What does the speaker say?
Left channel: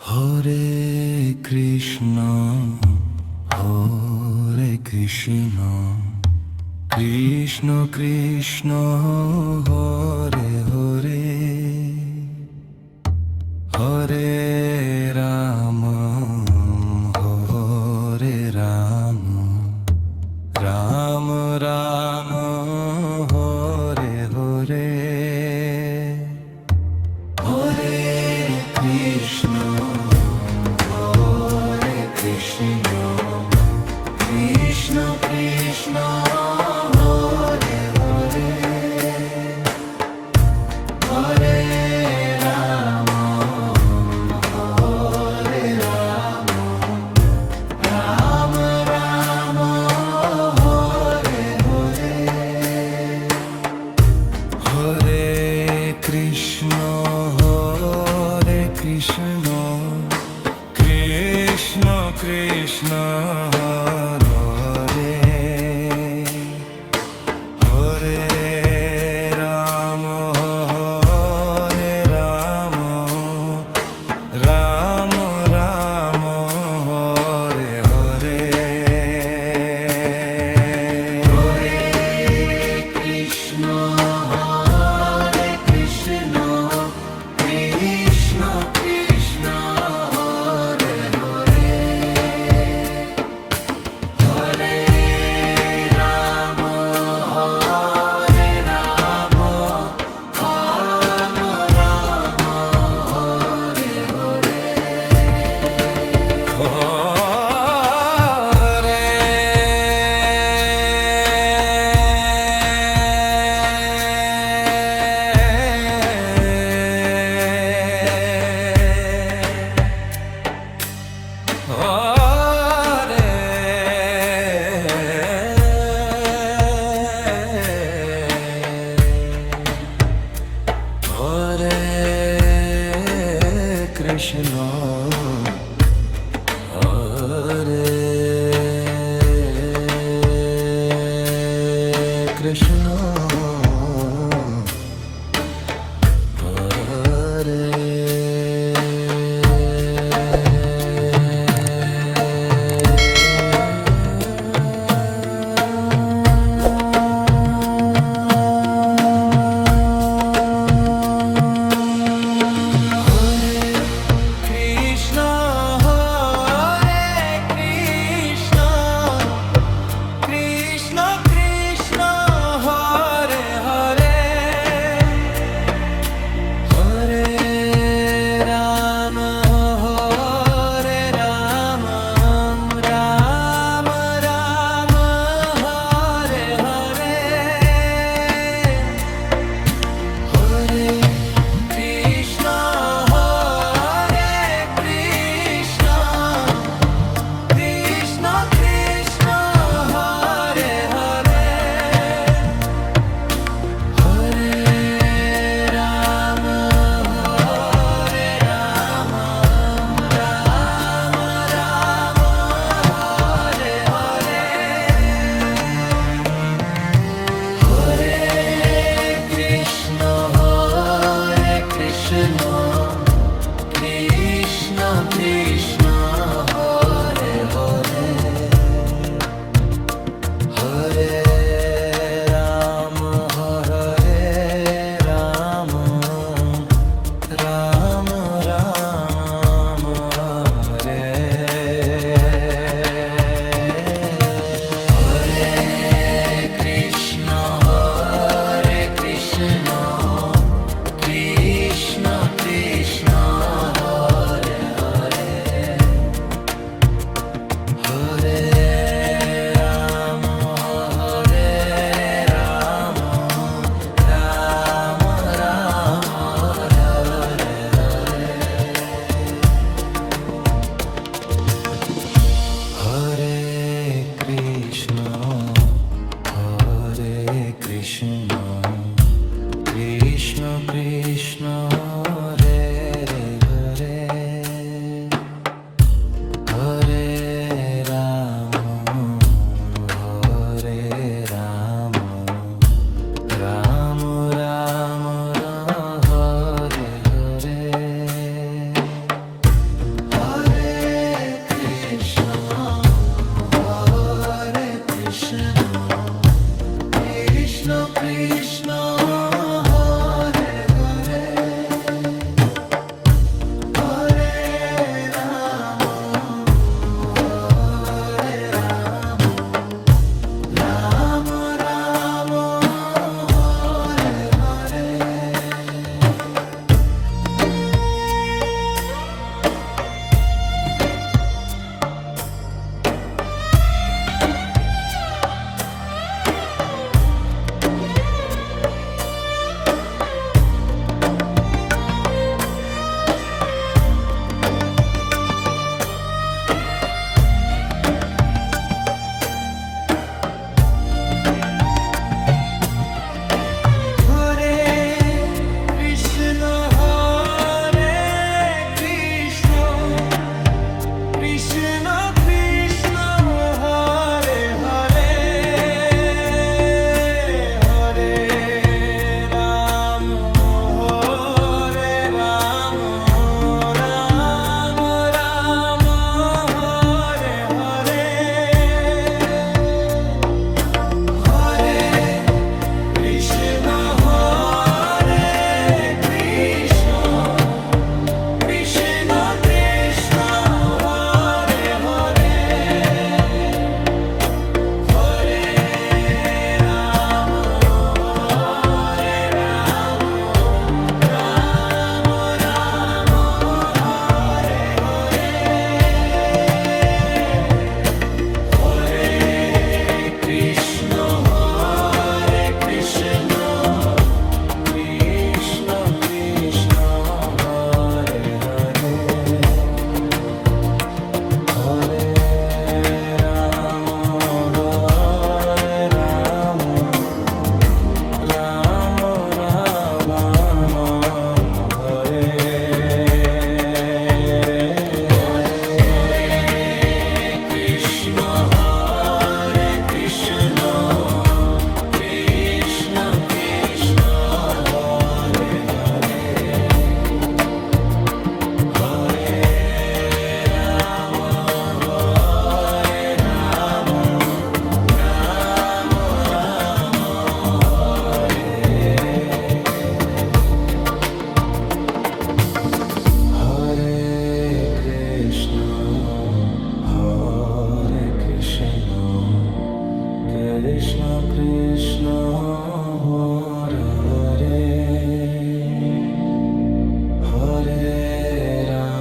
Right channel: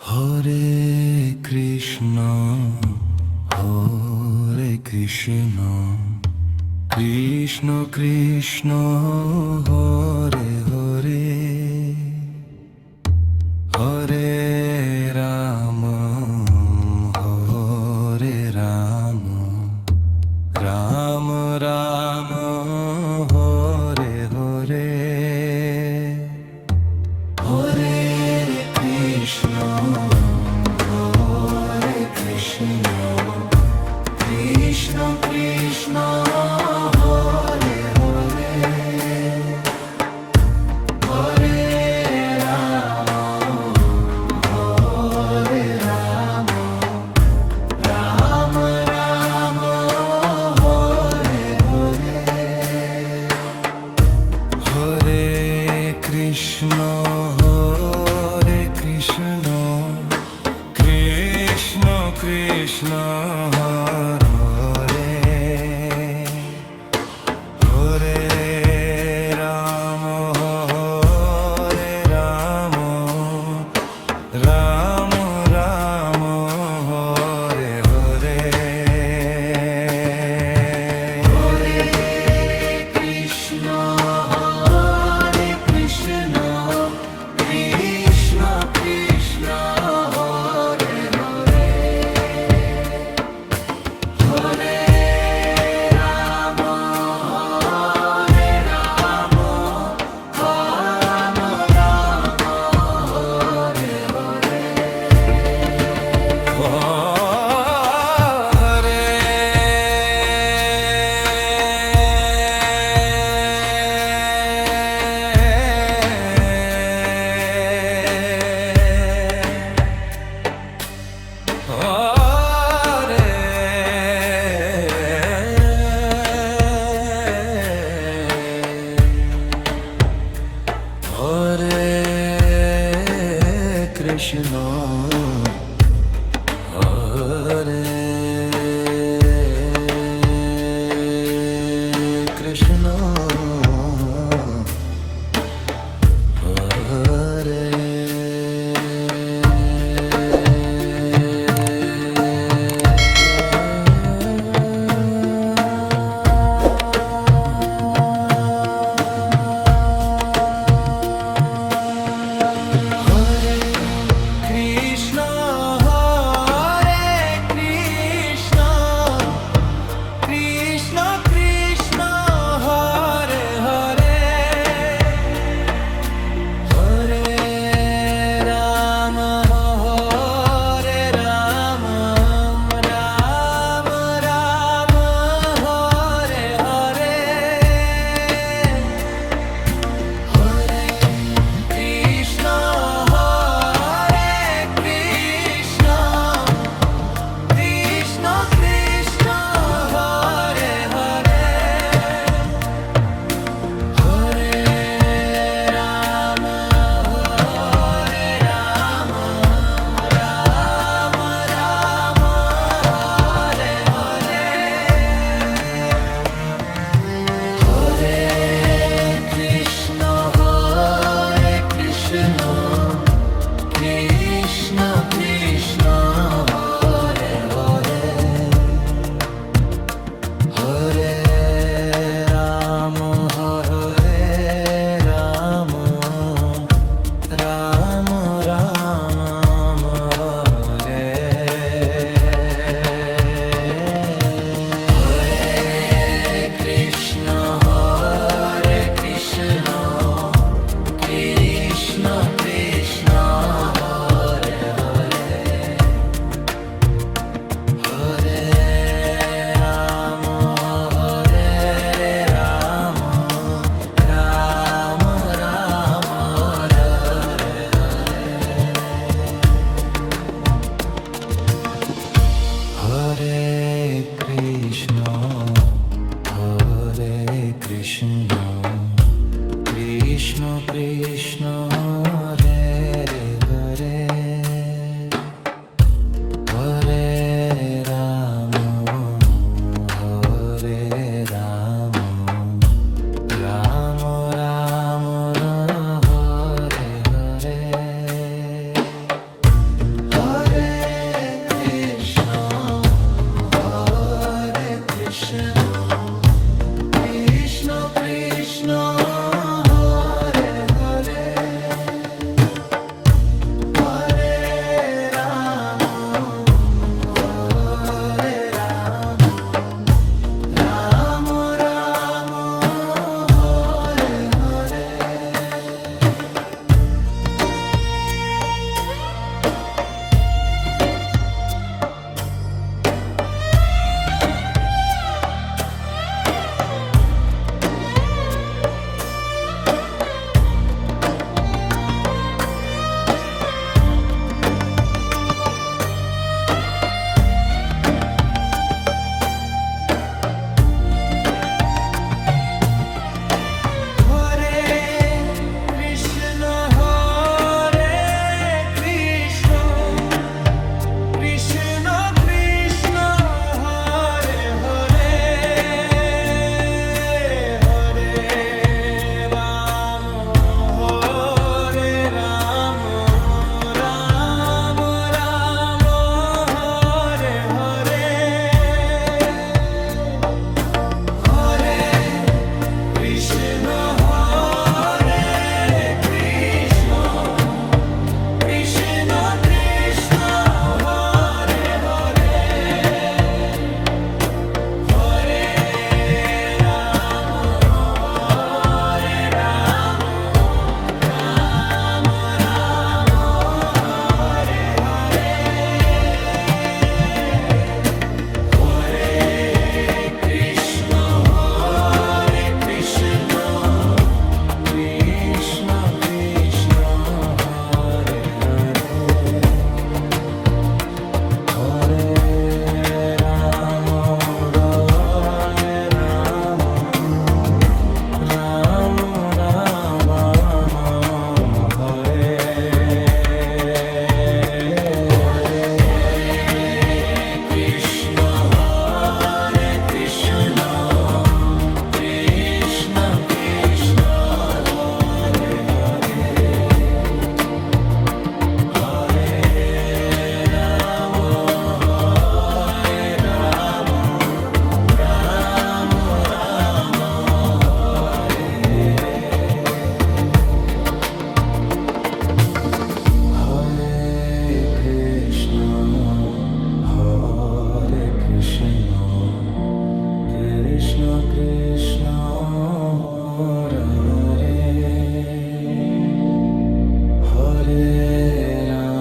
Hare Krishna Hare Krishna Krishna Krishna Hare Hare Hare Ram Hare Ram Ram Ram Hare Hare Hare Krishna Hare Krishna Krishna Krishna Hare Hare Hare Ram Hare Ram Ram Ram Hare Hare Hare Krishna Krishna Krishna Krishna Hare Hare Ram Hare Ram Ram Ram Hare Hare Hare Krishna Hare Krishna Krishna Krishna Hare Hare Hare Ram Hare Ram Ram Ram Hare Hare Hare Hare Krishna Hare Krishna Hare Krishna Krishna Hare Hare Hare Ram Hare Ram Ram Ram Hare Hare Hare Krishna Hare Krishna Krishna Krishna Hare Hare Hare Ram Hare Ram Ram Ram Hare Hare Hare Krishna Krishna Krishna Hare Hare Hare Ram Hare Ram Ram Ram Hare Hare Krishna Krishna Krishna Hare Hare Hare Ram Hare Ram Ram Ram Hare Hare Hare Krishna Krishna Krishna Hare Hare Hare Ram Hare Ram Ram Ram Hare Hare Krishna Krishna Krishna Hare Hare Hare Ram